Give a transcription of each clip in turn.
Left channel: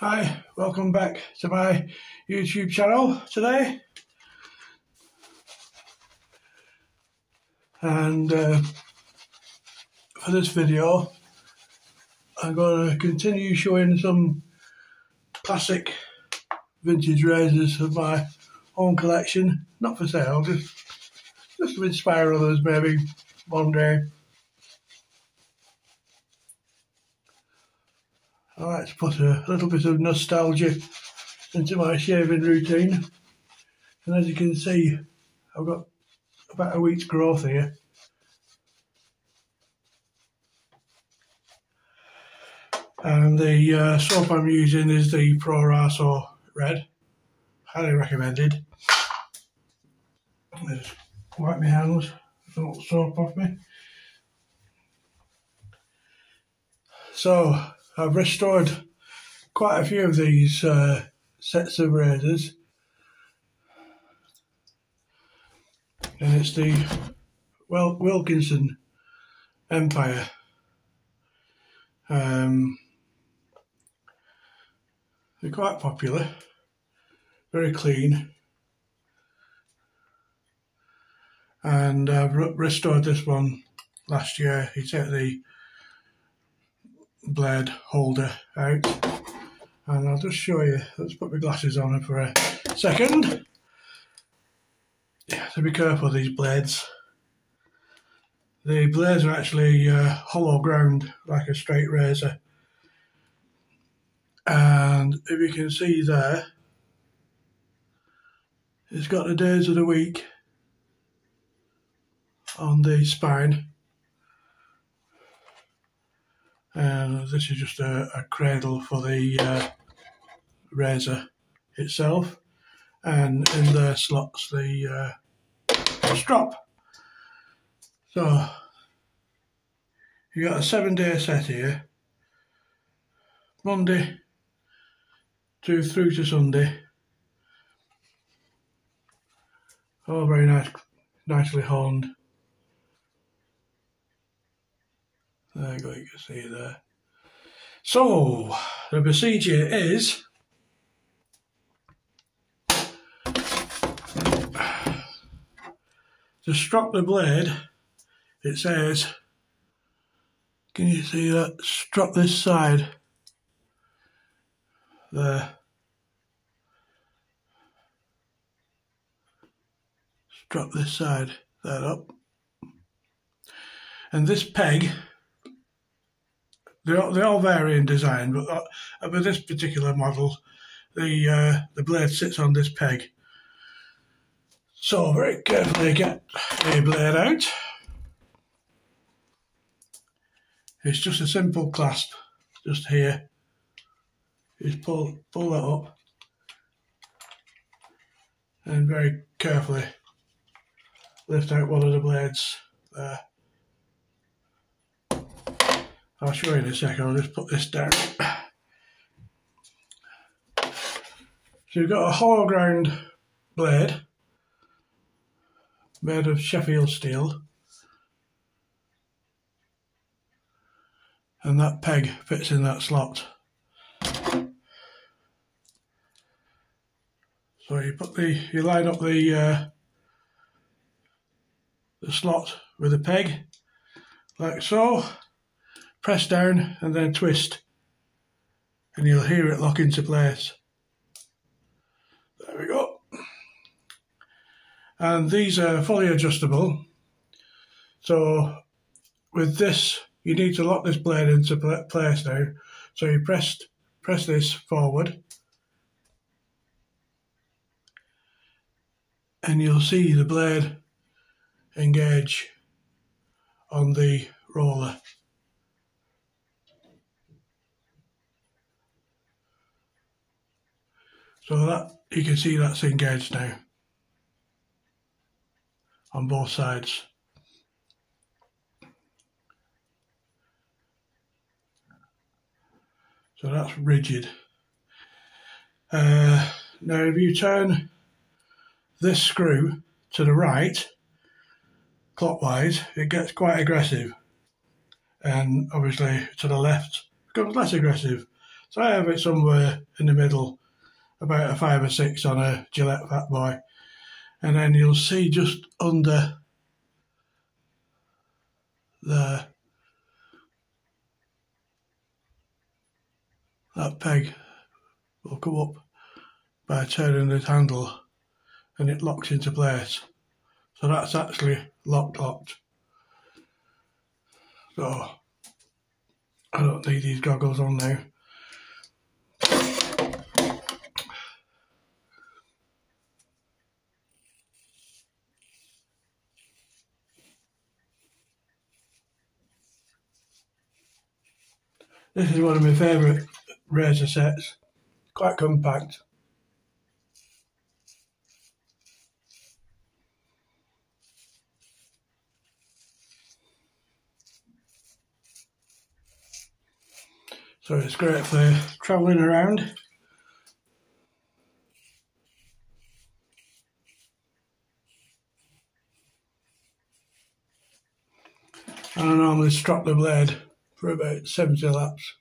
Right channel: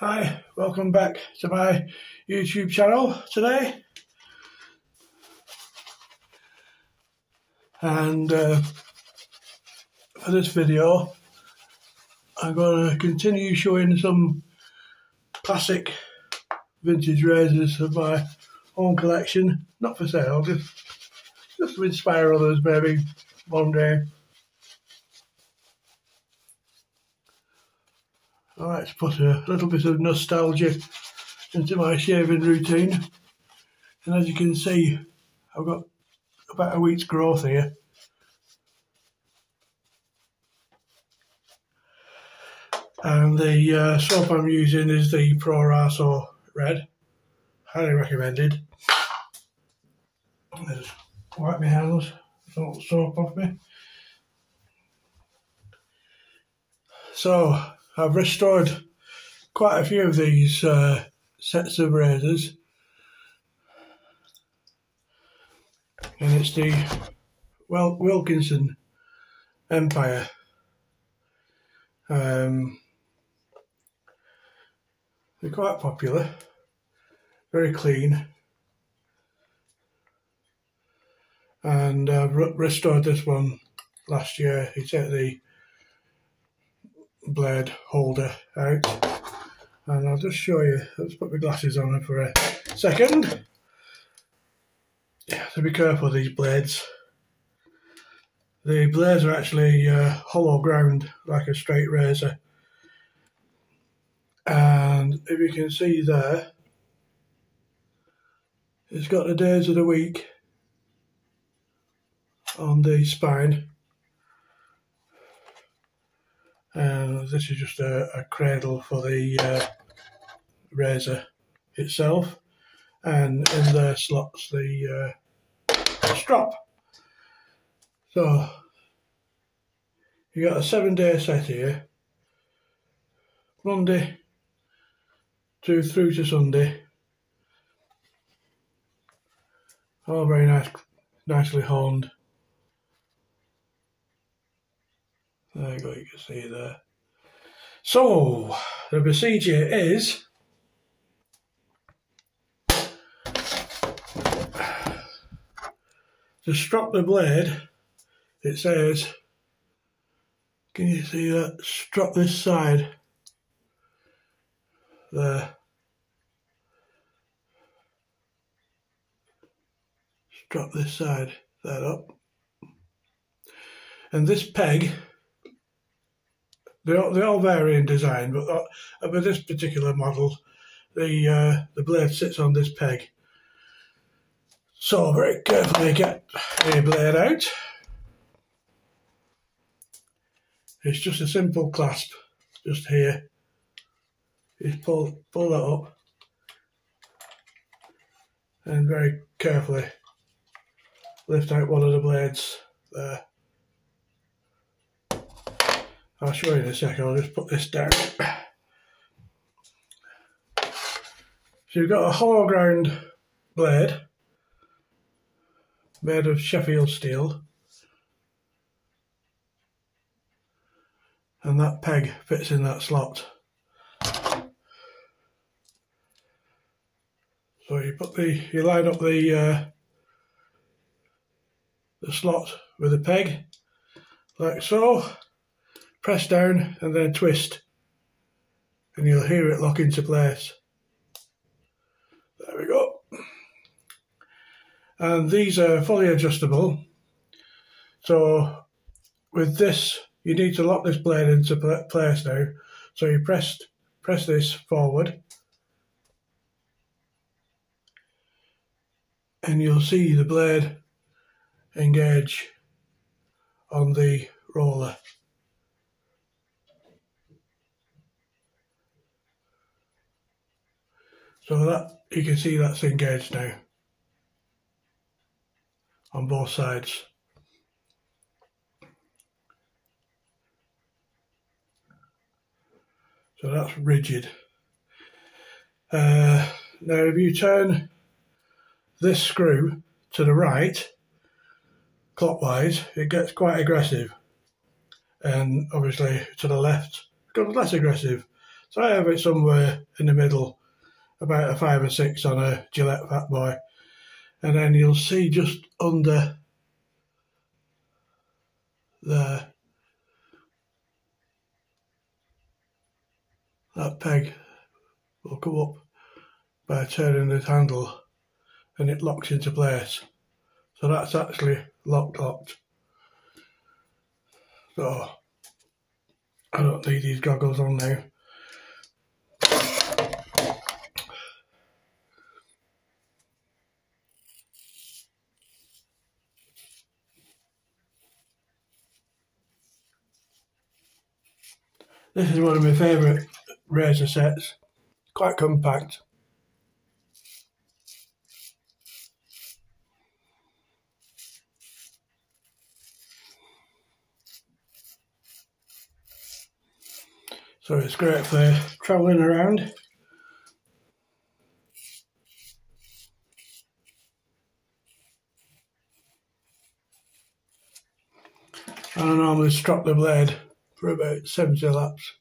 Hi, welcome back to my YouTube channel today. And for this video, I'm going to continue showing some classic vintage razors of my own collection. Not for sale, just to inspire others maybe one day. I like to put a little bit of nostalgia into my shaving routine, and as you can see, I've got about a week's growth here. And the soap I'm using is the Pro Raso Red, highly recommended. Just wipe my hands, some soap off me. So I've restored quite a few of these sets of razors, and it's the Wilkinson Empire. They're quite popular, very clean, and I've restored this one last year. He took the blade holder out, and I'll just show you. Let's put my glasses on for a second. So be careful with these blades. The blades are actually hollow ground like a straight razor, and if you can see there, it's got the days of the week on the spine. And this is just a cradle for the razor itself, and in the slots the strap. So you got a 7-day set here, Monday through to Sunday. All very nicely honed. There you go, you can see there. So the procedure is to strap the blade. It says, can you see that? Strap this side there. Strap this side there up. And this peg, they all vary in design, but with this particular model, the blade sits on this peg. So very carefully get the blade out. It's just a simple clasp, just here. Just pull that up, and very carefully lift out one of the blades there. I'll show you in a second. I'll just put this down. So you've got a hollow ground blade made of Sheffield steel, and that peg fits in that slot. So you line up the slot with the peg like so. Press down and then twist, and you'll hear it lock into place. There we go. And these are fully adjustable. So with this, you need to lock this blade into place now. So you press this forward, and you'll see the blade engage on the roller. So that, you can see that's engaged now on both sides. So that's rigid. Now if you turn this screw to the right, clockwise, it gets quite aggressive. And obviously to the left, it becomes less aggressive. So I have it somewhere in the middle, about a 5 or 6 on a Gillette Fat Boy. And then you'll see just under there, that peg will come up by turning the handle and it locks into place. So that's actually locked. So I don't need these goggles on now. This is one of my favourite razor sets, quite compact. So it's great for travelling around. And I normally strop the blade for about 70 laps.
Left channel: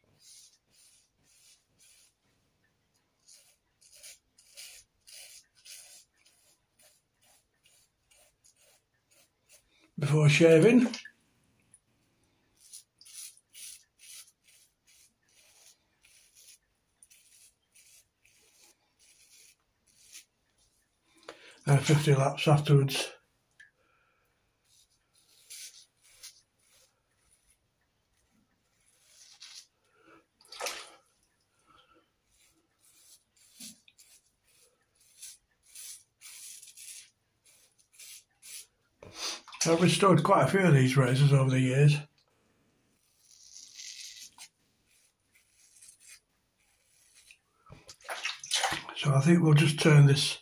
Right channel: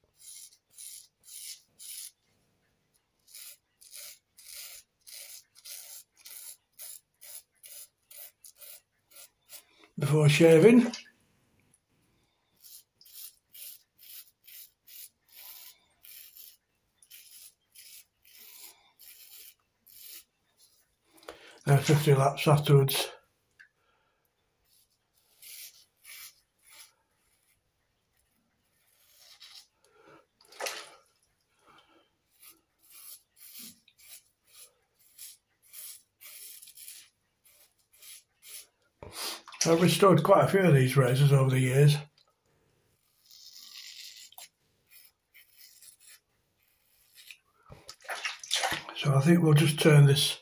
Before shaving. And 50 laps afterwards. I've restored quite a few of these razors over the years. So I think we'll just turn this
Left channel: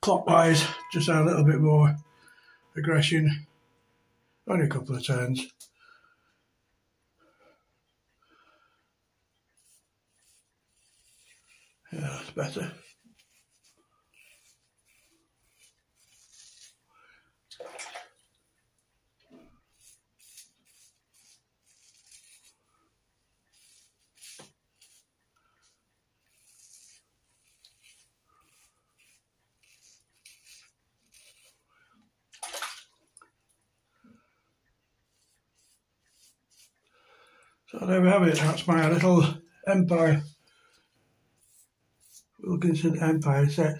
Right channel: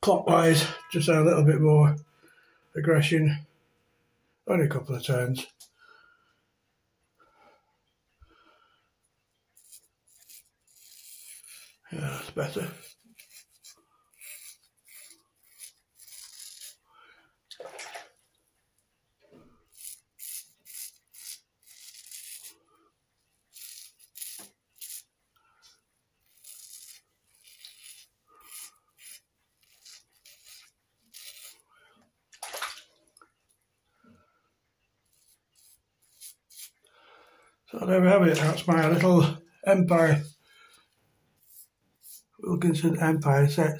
clockwise, just add a little bit more aggression, only a couple of turns. Yeah, that's better. So there we have it, that's my little Empire, Wilkinson Empire set.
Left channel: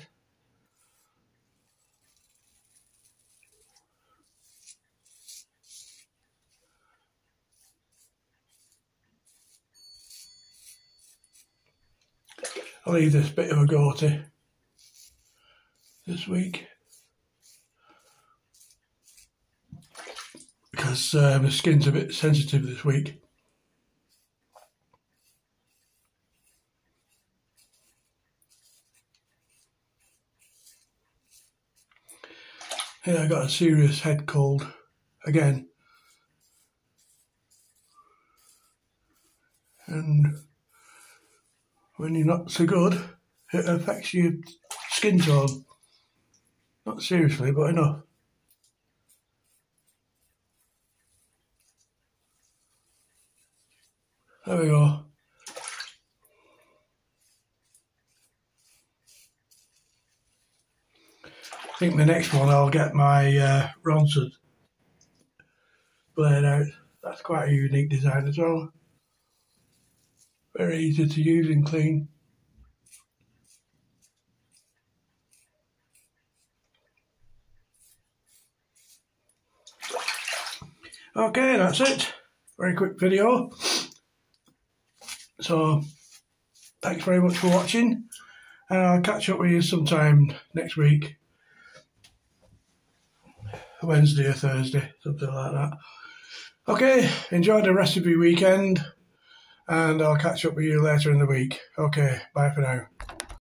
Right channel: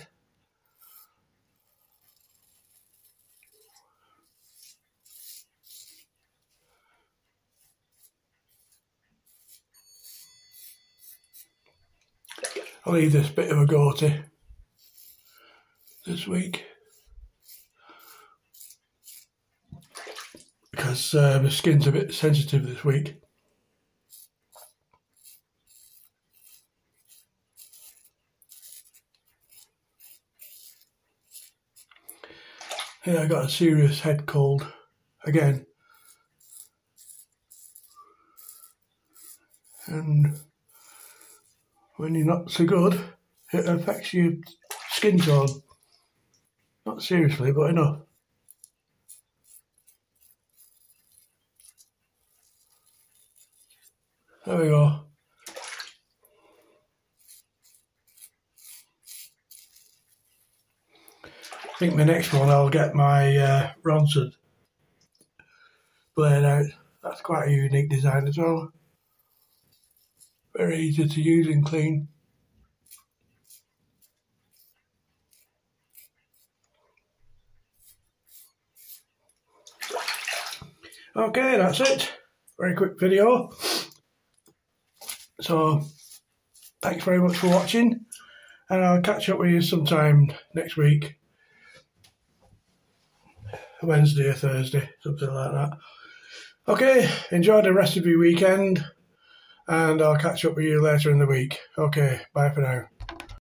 I'll leave this bit of a go-to this week because my skin's a bit sensitive this week. Yeah, I got a serious head cold again, and when you're not so good, it affects your skin tone. Not seriously, but enough. There we go. I think the next one I'll get my Ronson blade out. That's quite a unique design as well. Very easy to use and clean. Okay, that's it. Very quick video. So, thanks very much for watching, and I'll catch up with you sometime next week. Wednesday or Thursday, something like that. Okay, enjoy the rest of your weekend, and I'll catch up with you later in the week. Okay, bye for now.